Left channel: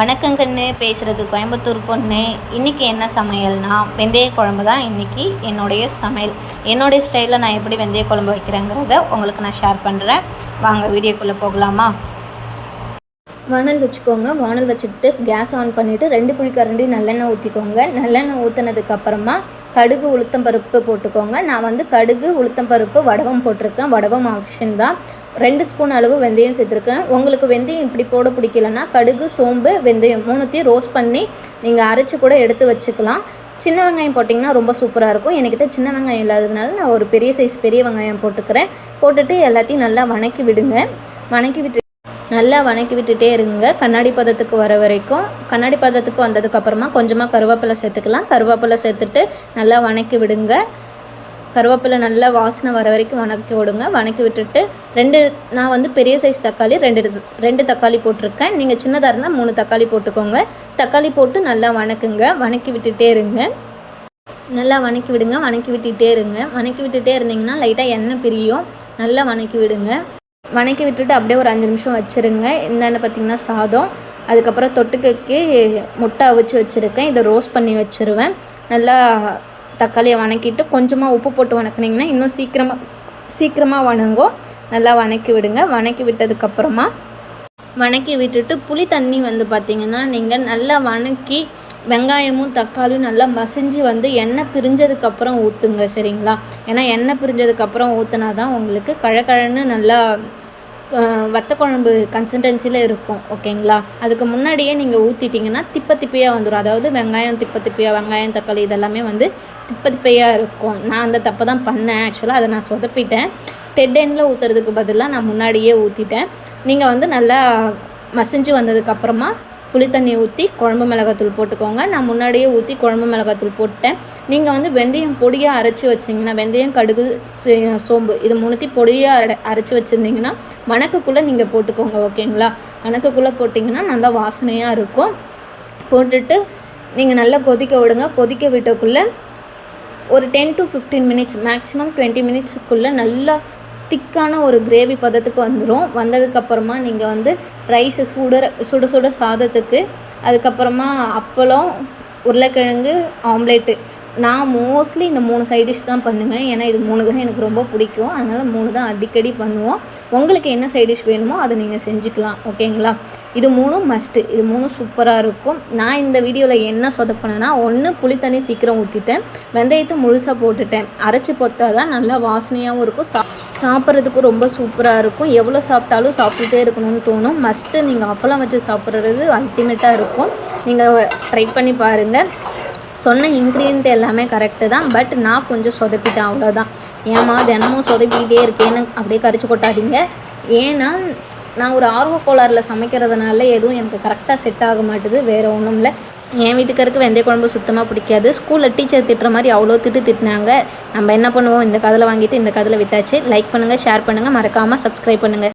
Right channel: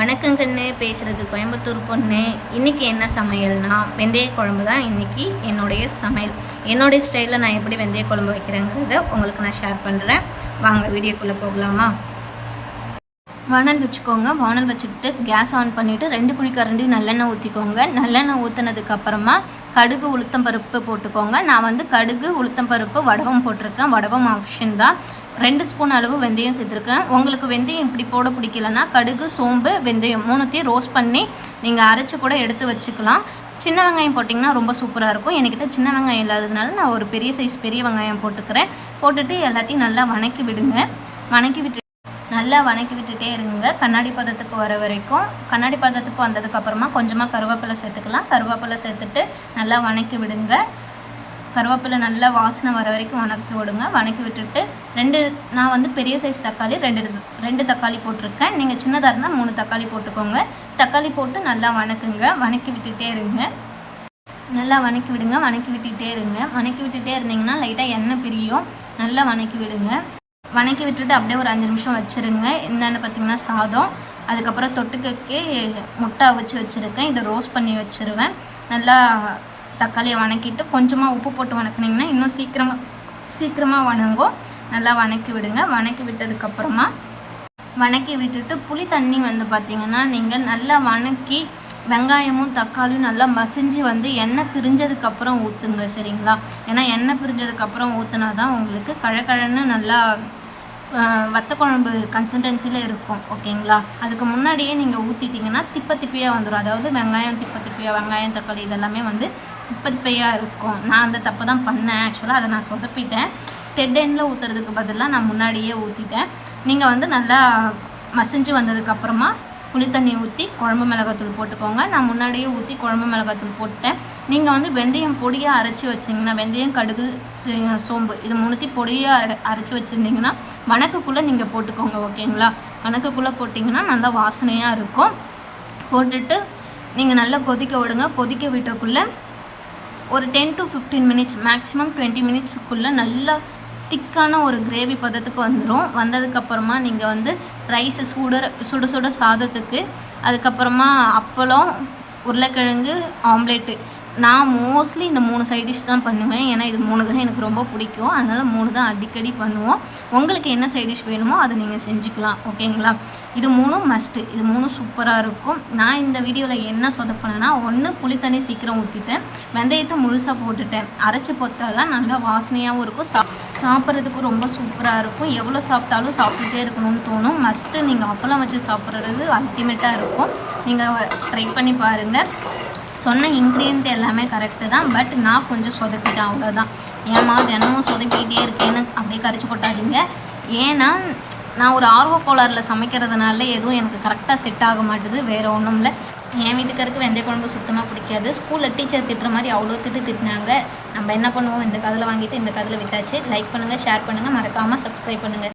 வணக்கங்கன்னு பேசுகிறது கோயம்புத்தூர் பொண்ணு. இன்றைக்கி என்ன சமையல்னா வெந்தய குழம்பு தான் இன்றைக்கி என்னுடைய சமையல். என்னுடைய ஸ்டைலில் நான் எப்படி வெந்தய குழம்பு வைக்கிறேங்கிறத உங்களுக்கு நான் ஷேர் பண்ணுறேன். வாங்க வீடியோக்குள்ளே போகலாமா? வானல் வச்சுக்கோங்க. வானல் வச்சுட்டு கேஸ் ஆன் பண்ணிவிட்டு 2 குழிக்கரண்டி நல்லெண்ணெய் ஊற்றிக்கோங்க. நல்லெண்ணெய் ஊற்றினதுக்கப்புறமா கடுகு உளுத்தம் பருப்பு போட்டுக்கோங்க. நான் வந்து கடுகு உளுத்தம் பருப்பு வடவம் போட்டிருக்கேன். வடவம் ஆப்ஷன் தான். 2 ஸ்பூன் அளவு வெந்தயம் சேர்த்துருக்கேன். உங்களுக்கு வெந்தயம் இப்படி போட பிடிக்கலன்னா கடுகு சோம்பு வெந்தயம் 3த்தையும் ரோஸ்ட் பண்ணி நீங்கள் அரைச்சி கூட எடுத்து வச்சுக்கலாம். சின்ன வெங்காயம் போட்டிங்கன்னா ரொம்ப சூப்பராக இருக்கும். என்கிட்ட சின்ன வெங்காயம் இல்லாததுனால நான் ஒரு பெரிய சைஸ் பெரிய வெங்காயம் போட்டுக்கிறேன். போட்டுட்டு எல்லாத்தையும் நல்லா வணக்கி விடுங்க. நல்லா வணக்கி விட்டுட்டே இருங்க கண்ணாடி பதத்துக்கு வர வரைக்கும். கண்ணாடி பதத்துக்கு வந்ததுக்கப்புறமா கொஞ்சமாக கருவேப்பிலை சேர்த்துக்கலாம். கருவேப்பிலை சேர்த்துட்டு நல்லா வணக்கி விடுங்க. கருவேப்பிலை நல்லா வாசனை வர வரைக்கும் வணக்கி விடுங்க. வணக்கி விட்டுட்டு நான் வந்து பெரிய சைஸ் தக்காளி ரெண்டு தக்காளி போட்டிருக்கேன். நீங்கள் சின்னதாக இருந்தால் 3 தக்காளி போட்டுக்கோங்க. தக்காளி போட்டு நல்லா வணக்குங்க. வணக்கி விட்டுட்டே இருங்க. நல்லா வணக்கி விடுங்க. வணக்கி விட்டுட்டே இருங்க. வணக்கி விட்டுட்டே இருந்தீங்கன்னா லைட்டாக எண்ணெய் பிரியும். நல்லா வணக்கி விடுங்க. வணக்கி விட்டுட்டு அப்படியே ஒரு 5 நிமிஷம் வச்சுருங்க. என்னென்ன பார்த்திங்கன்னா சாதம், அதுக்கப்புறம் தொட்டுக்கைக்கு முட்டை அவிச்சு வச்சுருக்கேன். இதை ரோஸ்ட் பண்ணி வச்சுருவேன். நல்லா தக்காளியை வணக்கிட்டு கொஞ்சமாக உப்பு போட்டு வணக்கினீங்கன்னா இன்னும் சீக்கிரமாக வணங்கும். நல்லா வணக்கி விடுங்க. வணக்கி விட்டதுக்கப்புறமா வணக்கி விட்டுட்டு புளி தண்ணி வந்து பார்த்திங்கன்னா நீங்கள் நல்லா வணக்கி வெங்காயமும் தக்காளியும் நல்லா மசிஞ்சு வந்து எண்ணெய் பிரிஞ்சதுக்கப்புறம் ஊற்றுங்க, சரிங்களா? ஏன்னா எண்ணெய் பிரிஞ்சதுக்கப்புறம் ஊற்றுனா தான் உங்களுக்கு கழகழன்னு நல்லா வத்த குழம்பு கன்சிஸ்டன்சியில் இருக்கும், ஓகேங்களா? அதுக்கு முன்னாடியே நீங்கள் ஊற்றிட்டிங்கன்னா திப்பையாக வந்துடும். அதாவது வெங்காயம் திப்பையாக, வெங்காயம் தக்காளி இதெல்லாமே வந்து திப்பையாக இருக்கும். நான் அந்த தப்பை தான் பண்ணேன். ஆக்சுவலாக அதை நான் சொதப்பிட்டேன். டெட் எண்டில் ஊற்றுறதுக்கு பதிலாக நான் முன்னாடியே ஊற்றிட்டேன். நீங்கள் வந்து நல்லா மசிஞ்சு வந்ததுக்கப்புறமா புளி தண்ணி ஊற்றி குழம்பு மிளகாத்தூள் போட்டுக்கோங்க. நான் முன்னாடியே ஊற்றி குழம்பு மிளகாத்தூள் போட்டேன். நீங்கள் வந்து வெந்தயம் பொடியாக அரைச்சி வச்சிங்கன்னா, வெந்தயம் கடுகு சோம்பு இது 3த்தையும் பொடியாக அரைச்சி வச்சுருந்தீங்கன்னா வணக்கக்குள்ளே நீங்கள் போட்டுக்கோங்க, ஓகேங்களா? வணக்கக்குள்ளே போட்டிங்கன்னா நல்லா வாசனையாக இருக்கும். போட்டுட்டு நீங்கள் நல்லா கொதிக்க விடுங்க. கொதிக்க விட்டக்குள்ளே ஒரு 10 to 15 மினிட்ஸ் மேக்ஸிமம் 20 மினிட்ஸுக்குள்ளே நல்லா திக்கான ஒரு கிரேவி பதத்துக்கு வந்துடும். வந்ததுக்கப்புறமா நீங்கள் வந்து ரைஸு சுட சாதத்துக்கு, அதுக்கப்புறமா அப்பளம், உருளைக்கிழங்கு ஆம்லேட்டு. நான் மோஸ்ட்லி இந்த 3 சைட் டிஷ் தான் பண்ணுவேன். ஏன்னா இது 3 தான் எனக்கு ரொம்ப பிடிக்கும். அதனால் 3 தான் அடிக்கடி பண்ணுவோம். உங்களுக்கு என்ன சைட் டிஷ் வேணுமோ அதை நீங்கள் செஞ்சுக்கலாம், ஓகேங்களா? இது 3 மஸ்ட்டு. இது 3 சூப்பராக இருக்கும். நான் இந்த வீடியோவில் என்ன சொதப்பினேன்னா, 1 புளி தண்ணி சீக்கிரம் ஊற்றிட்டேன். வெந்தயத்தை முழுசாக போட்டுட்டேன். அரைச்சி போட்டா தான் நல்லா வாசனையாகவும் இருக்கும். சாப்பிட்றதுக்கு ரொம்ப சூப்பராக இருக்கும். எவ்வளோ சாப்பிட்டாலும் சாப்பிட்டுட்டே இருக்கணும்னு தோணும். மஸ்ட்டு நீங்கள் அப்பளம் வச்சு சாப்பிட்றது அல்டிமேட்டாக இருக்கும். நீங்கள் ட்ரை பண்ணி பாருங்கள். சொன்ன இன்க்ரீடியன்ட் எல்லாமே கரெக்டு தான். பட் நான் கொஞ்சம் சொதப்பிட்டேன், அவ்வளோதான். ஏமா தினமும் சொதப்பிக்கிட்டே இருக்கேன்னு அப்படியே கரிச்சு கொட்டாதீங்க. ஏன்னா நான் ஒரு ஆர்வ கோளாறில் சமைக்கிறதுனால எதுவும் எனக்கு கரெக்டாக செட் ஆக மாட்டுது. வேறு ஒன்றும் இல்லை. என் வீட்டுக்காருக்கு வெந்தய குழம்பு சுத்தமாக பிடிக்காது. ஸ்கூலில் டீச்சர் திட்டுற மாதிரி அவ்வளோ திட்டினாங்க. நம்ம என்ன பண்ணுவோம், இந்த கதில் வாங்கிட்டு இந்த கதில் விட்டாச்சு. லைக் பண்ணுங்கள், ஷேர் பண்ணுங்கள், மறக்காமல் சப்ஸ்கிரைப் பண்ணுங்கள்.